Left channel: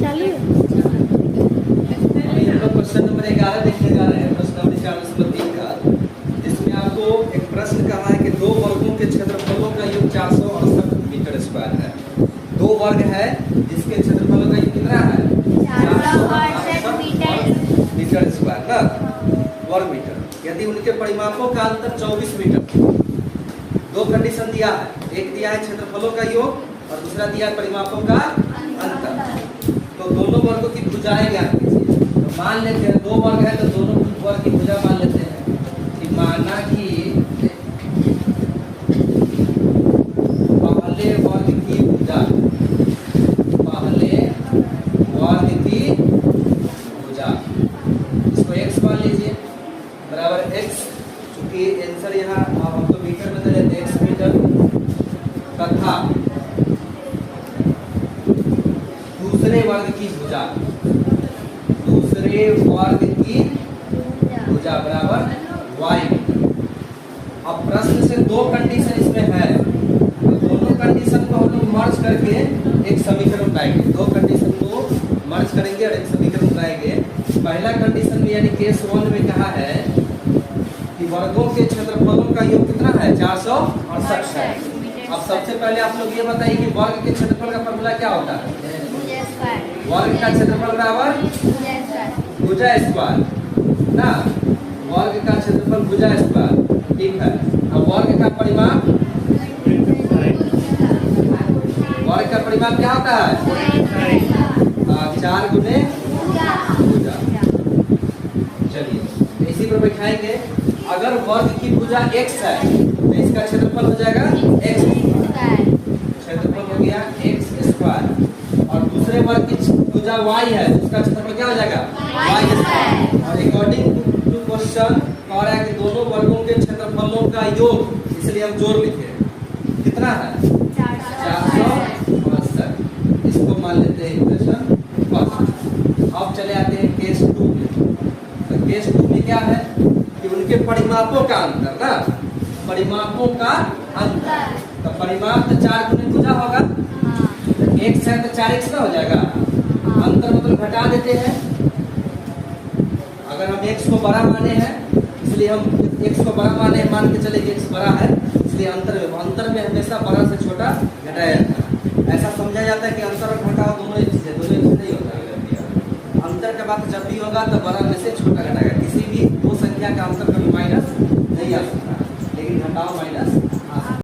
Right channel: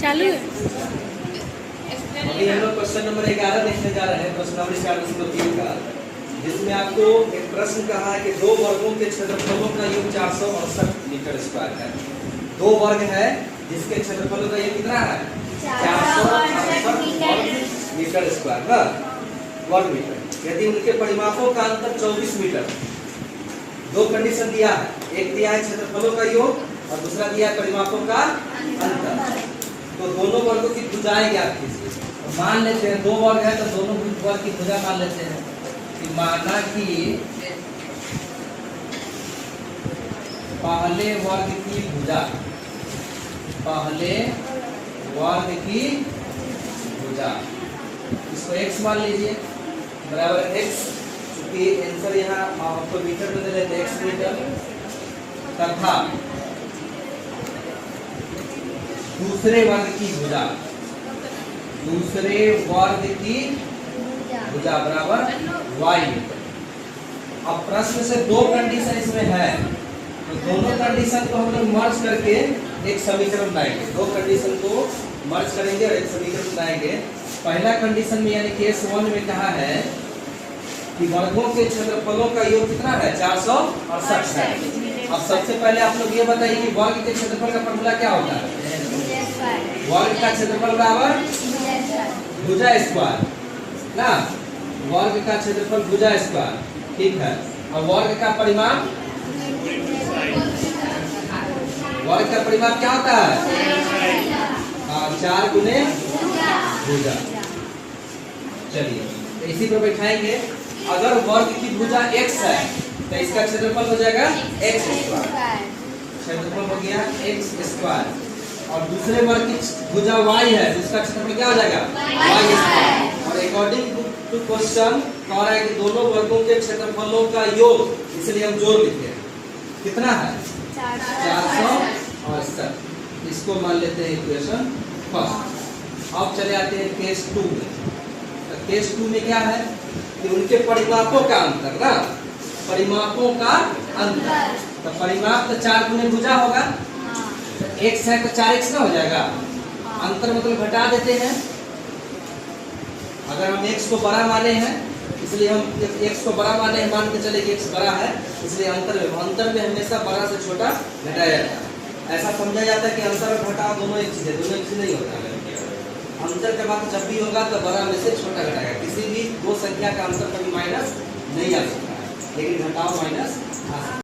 चालू है। अभी हम लोग क्वेश्चन नंबर 11 देखने जा रहे हैं, प्रश्नावली 40 का, जिसमें आपको एक प्रश्न कहा है कि दो वर्गों के क्षेत्रफलों का योग 468 मीटर स्क्वायर है। दो वर्ग है जिसके क्षेत्रफलों का योग कितना है? 468 मीटर स्क्वायर ना, वर्ग मीटर। यदि उनके परिमापों का अंतर 24 मीटर, दो कंडीशन दिया है, एक दिया है क्षेत्रफलों का योग और दूसरा दिया है परिमापों का अंतर। तो दोनों वर्गों की भुजाएं ज्ञात कीजिए। तो मान लेते हैं दो वर्ग है तो दोनों वर्ग की भुजा मान लेते हैं कि माना कि पहले वर्ग की भुजा, पहले वर्ग की भुजा, इसको x मान लीजिए, बराबर x, चूंकि आंसर यहाँ आपको मीटर में दे देते हैं, x मीटर, तथा दूसरे वर्ग की भुजा, दूसरे वर्ग की भुजा बराबर y मीटर। अब प्रश्न से दो कंडीशन इसमें है, तो दोनों कंडीशन को हम लोग मर्ज करके एक समीकरण बनाएंगे। दो कंडीशन को मर्ज करेंगे और एक समीकरण बनाएंगे। पहला कंडीशन में यानी केस 1 में कहा है कि वर्गों के क्षेत्रफलों का योग कितना है? 468 है। अब सबसे पहले आप लोग ये बताइए कि वर्ग के क्षेत्रफल का फॉर्मूला क्या होता है? वर्ग का क्षेत्रफल बराबर भुजा स्क्वायर ना, वर्ग का क्षेत्रफल भुजा स्क्वायर, ठीक है। अब वर्ग का परिमाप, वर्ग का परिमाप क्या होता है? 4 गुने भुजा। चलिए तो इसी पर बैठाएंगे। अगर वर्ग की भुजा x है तो इसका क्षेत्रफल हो जाएगा x स्क्वायर, क्षेत्रफल हो गया x स्क्वायर। और दूसरे वर्ग की भुजा y है, इसका क्षेत्रफल क्या हो जाएगा? y square. और अकॉर्डिंग टू क्वेश्चन कह रहा है कि दोनों वर्गों के क्षेत्रफलों का योग, इसलिए हम जोड़ लिखे। कितना है? 468। इसको मान लेते हैं इक्वेशन फर्स्ट। अब चले आते हैं केस 2 में। तो केस 2 में क्या है कि उनके परिमापों का अंतर ना, परिमापों का अंतर। तो परिमाप तो 4 गुने भुजा होगा, x है तो 4x ना हो जाएगा। अंतर मतलब घटा देते हैं। अगर हम x को बड़ा माने हैं, इसलिए हम x को बड़ा माने हैं, मान के चले कि x बड़ा है, इसलिए अंतर में हमेशा बड़ा से छोटा घटाया जाता है। ऐसा समझा जाता है कि अंतर और घटाव दोनों एक चीज है, दोनों एक चीज नहीं होता है। अंतर का बात जब भी होगा तो बड़ा में से छोटा घटाएगा। किसी भी दो संख्या का अंतर कभी माइनस नहीं आ सकता है, लेकिन घटाव माइनस आ सकता है।